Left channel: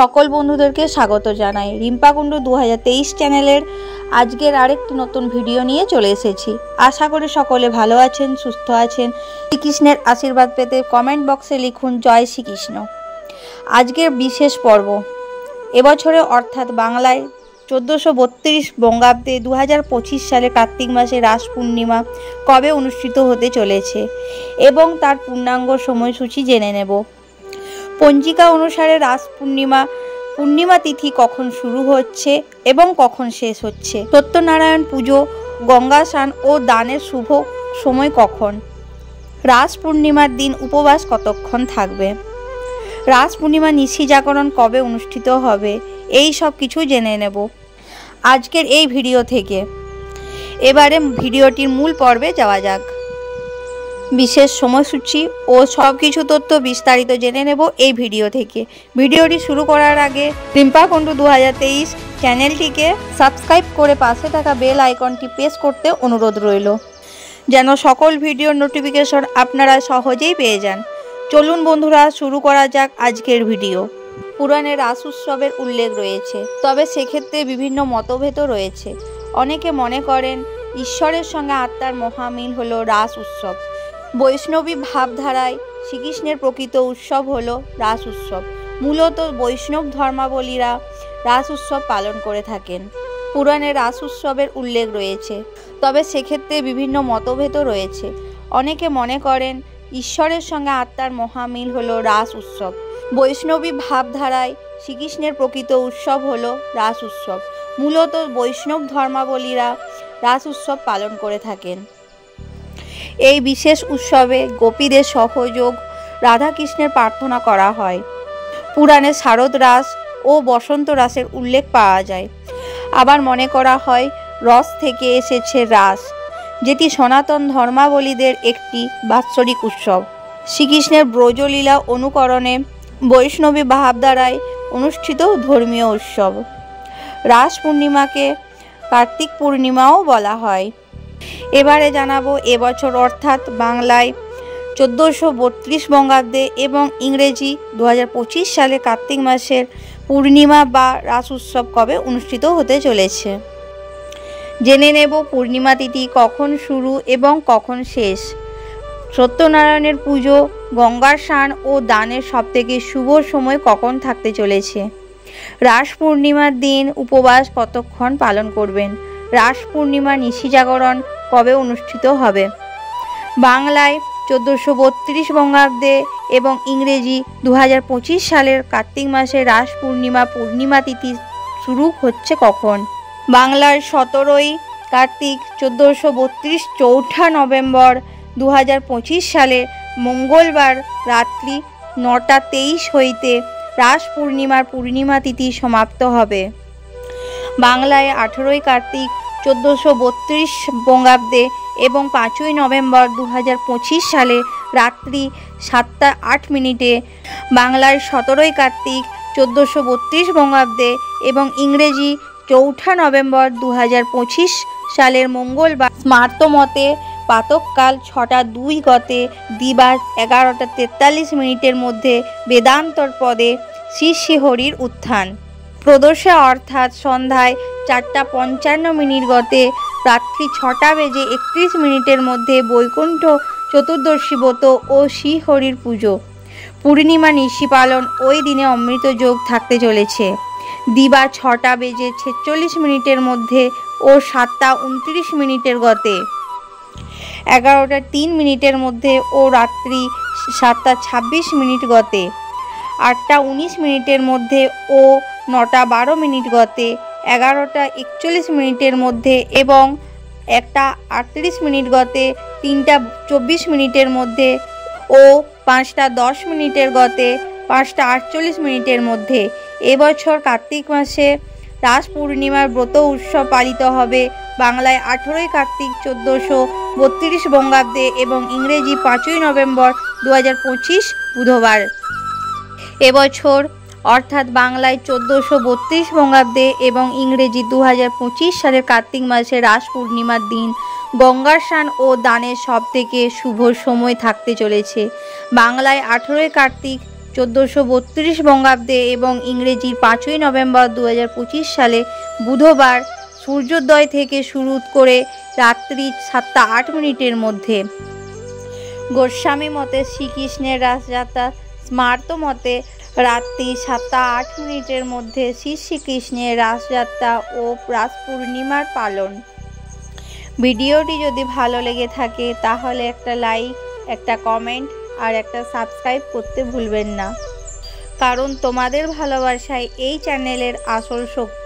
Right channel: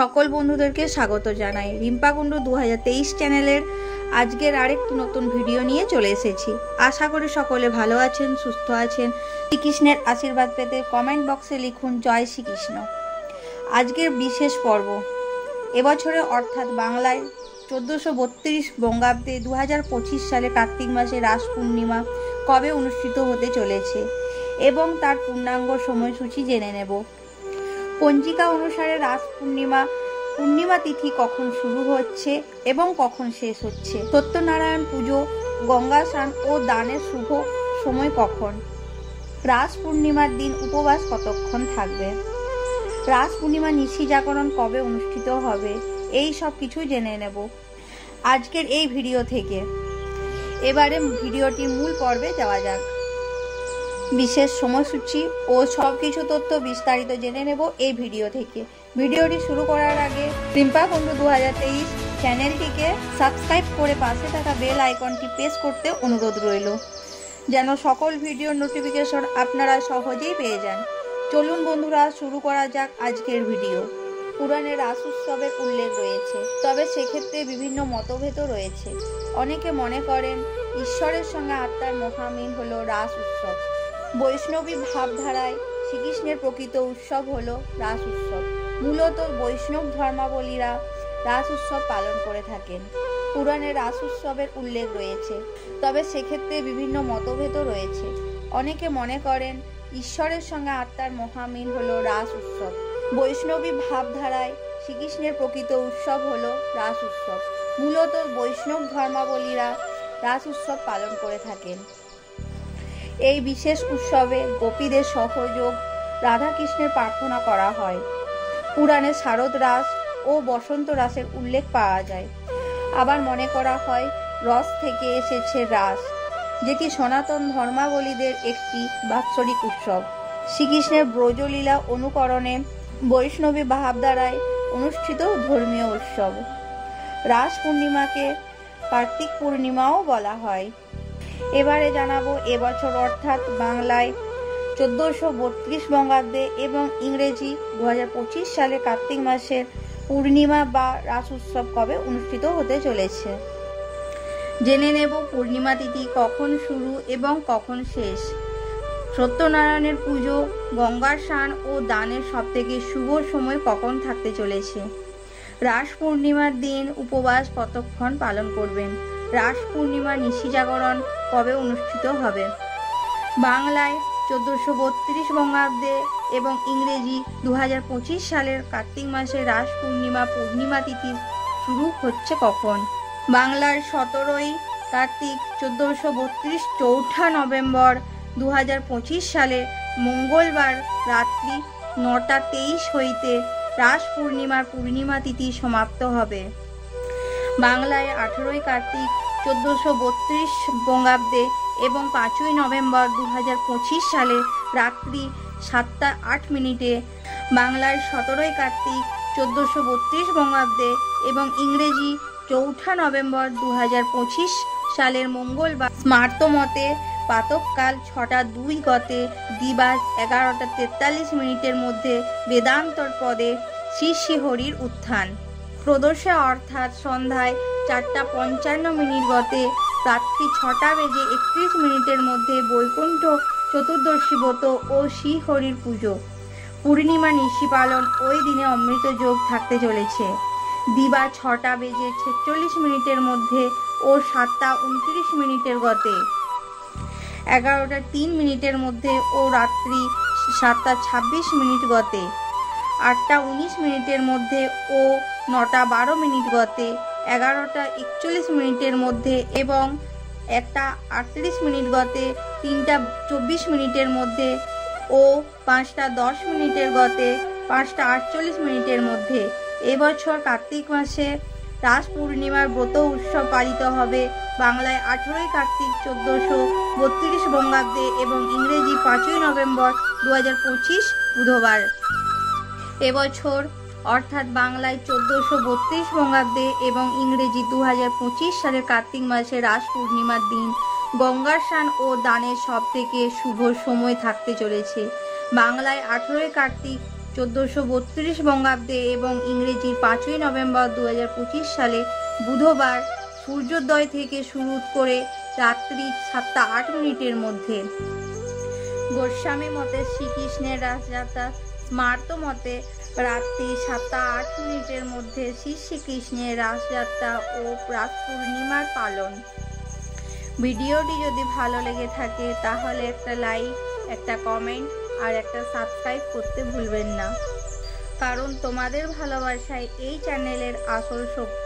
সকল বন্ধুদেরকে স্বাগত জানাই রিম্পা কুণ্ডু 2023 চ্যানেলের আজকের আরেকটি নতুন ভিডিও নিয়ে চলে এসেছি। আশা করি সকলে ভালো আছেন, সুস্থ আছেন। শ্রীকৃষ্ণের আশীর্বাদ পেতে কমেন্ট বক্সে লিখুন জয় শ্রীকৃষ্ণ। আজকের বিশেষ পর্ব এবছরে অর্থাৎ বাংলায় 1432 বঙ্গাব্দে 2025 সালে কার্তিক মাসে রাস পূর্ণিমা কবে অনুষ্ঠিত হতে চলেছে এবং তার পূর্ণাঙ্গ সময়সূচি জেনে নেব। পঞ্জিকা অনুসারে রাস পূর্ণিমা তিথি কখন শুরু হচ্ছে এবং কখন শেষ হচ্ছে, সত্যনারায়ণ পুজো, গঙ্গা স্নান ও দানের শুভ সময় কখন, রাস পূর্ণিমার দিন উপবাস কতক্ষণ থাকবে, রাস পূর্ণিমা নিশি জাগরণ কবে অনুষ্ঠিত হবে, এই সব কিছু জেনে নেব আজকের এই ভিডিও থেকে। এবারে ভিডিওটির মূল পর্বে যাওয়া যাক। বিশেষ সময়সূচি ও সব কিছু তথ্য বিস্তারিত জেনে নেব এই ভিডিও থেকে। ভিডিওটি শুরু করার আগে রিম্পা কুণ্ডু 2023 চ্যানেলটিকে সাবস্ক্রাইব করে পাশে থাকা বেল আইকনটি প্রেস করতে অনুরোধ রইল, যেন সকল ভিডিওর নোটিফিকেশন আপনারা সহজেই পেয়ে যান। চলুন বন্ধুরা, শুরু করা যাক আজকের ভিডিও। পুরাণে রাস উৎসবের উল্লেখ রয়েছে, তবে সেক্ষেত্রে বিভিন্ন মতভেদও রয়েছে। অনেকে মনে করেন ঈশ্বরের সঙ্গে আত্মার মহামিল হলো রাস উৎসব। বৈষ্ণবী ভাবধারায় শ্রীকৃষ্ণের প্রকৃত উৎসব হলো রাস উৎসব। মূলত বৈষ্ণব ধর্মাবলীরা রাস উৎসব পালন করে থাকেন। পুরাণে রাস উৎসবের উল্লেখ রয়েছে, তবে সেক্ষেত্রে বিভিন্ন মতভেদও রয়েছে। অনেকে মনে করেন ঈশ্বরের সঙ্গে আত্মার মহামিল হলো রাস উৎসব। বৈষ্ণবী ভাবধারায় শ্রীকৃষ্ণের প্রকৃত উৎসব হলো রাস উৎসব। মূলত বৈষ্ণব ধর্মাবলীরা রাস উৎসব পালন করে থাকেন। এই বিশেষ উৎসবে গোপীদের সহযোগ রাধাকৃষ্ণের প্রার্থনা করা হয়। পুরাণে শারদ রাস ও বসন্ত রাসের উল্লেখ পাওয়া যায়। আবার মনে করা হয় রস থেকে এসেছে রাস, যেটি সনাতন ধর্মাবলীদের একটি বাৎসরিক উৎসব। শ্রীকৃষ্ণের ব্রজলীলা অনুকরণে বৈষ্ণবী ভাবধারায় অনুষ্ঠিত ধর্মীয় উৎসব। রাস পূর্ণিমাকে কার্তিক পূর্ণিমাও বলা হয়। এবারে জানাবো এবছর অর্থাৎ বাংলায় 1432 বঙ্গাব্দে এবং ইংরেজি 2025 সালে কার্তিক মাসের পূর্ণিমা বা রাস উৎসব কবে অনুষ্ঠিত হতে চলেছে। জেনে নেব পূর্ণিমা তিথি কখন শুরু এবং কখন শেষ, সত্যনারায়ণের পুজো, গঙ্গার স্নান ও দানের সবথেকে শুভ সময় কখন থাকতে চলেছে, রাস পূর্ণিমার দিন উপবাস কতক্ষণ পালন করবেন, রাস পূর্ণিমা নিশি জাগরণ কবে অনুষ্ঠিত হবে। বাংলায় 1432 বঙ্গাব্দে এবং ইংরেজি 2025 সালের কার্তিক মাসে রাস পূর্ণিমা তিথি শুরু হচ্ছে কখন। বাংলার 17ই কার্তিক 1432 চৌঠা নভেম্বর 2025 সালে মঙ্গলবার রাত্রি 9:23 হইতে রাস পূর্ণিমা তিথি সমাপ্ত হবে। বাংলায় 18ই কার্তিক 1432 বঙ্গাব্দে এবং 5ই নভেম্বর 2025 সালে রাত্রি 7:08 বাংলার 17ই কার্তিক 1432 বঙ্গাব্দে এবং ইংরেজি চৌঠা নভেম্বর 2025 সালের মঙ্গলবার স্মার্তমতে প্রাতঃকাল 6:02 গতে দিবা 11:43 মধ্যে বেদান্তর পদে শ্রী শ্রী হরির উত্থান। প্রদোষে অর্থাৎ সন্ধ্যায় 4:55 গতে রাত্রি 6:31 মধ্যে বৈকুণ্ঠ চতুর্দশী ব্রত ও শ্রী হরির পুজো। পূর্ণিমা নিশি পালন ওই দিনে অমৃত যোগ থাকতে চলেছে। দিবা 6:46 মধ্যে ও 7:29 গতে, 11:03 মধ্যে ও রাত্রি 7:26 গতে, 8:19 মধ্যে ও 9:12 গতে, 11:41 মধ্যে এবং 1:38 গতে, 3:24 মধ্যে ও 5:10 গতে, 5:48 মধ্যে। এবছর কার্তিক মাসে রাস পূর্ণিমার ব্রত উৎসব পালিত হবে। বাংলায় 18ই কার্তিক 1432 বঙ্গাব্দে এবং ইংরেজি 5ই নভেম্বর 2025 বুধবার। এবছর অর্থাৎ বাংলায় 1432 বঙ্গাব্দে এবং ইংরেজি 2025 সালের কার্তিক মাসে রাস পূর্ণিমার দিন গঙ্গার স্নান ও দানের সবথেকে শুভ সময় থাকতে চলেছে। বাংলায় 18ই কার্তিক 1432 বঙ্গাব্দে এবং ইংরেজি 5ই নভেম্বর 2025 সালে বুধবার সূর্যোদয় থেকে শুরু করে রাত্রি 7:08 মধ্যে। গোস্বামী মতে শ্রীকৃষ্ণের রাসযাত্রা, স্মার্ত মতে রাত্রি 7:08 মধ্যে শ্রীকৃষ্ণের রাসযাত্রা ও রাস পূর্ণিমার পালন। ভিডিওটি যদি ভালো লেগে থাকে তাহলে একটা লাইক, একটা কমেন্ট আর একটা সাবস্ক্রাইব করতে ভুলবেন না, কারণ তোমাদের ভালোবাসায় এই চ্যানেলের আসল শক্তি।